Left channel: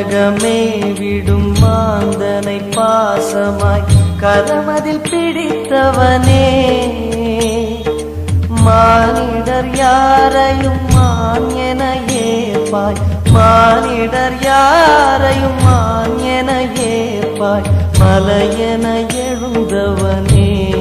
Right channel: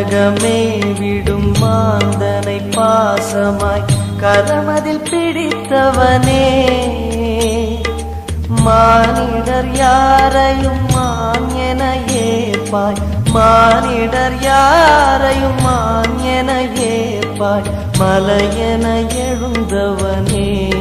கனகமே விடும் மாந்தனை பாசமாய் கரமதில் பிடித்தவனே, மானிடர் யாரையும் மான் என ஏற்பாய், மானிடர் யாரையும் மான் என ஏற்பாய், மலையென எழுந்தவனே.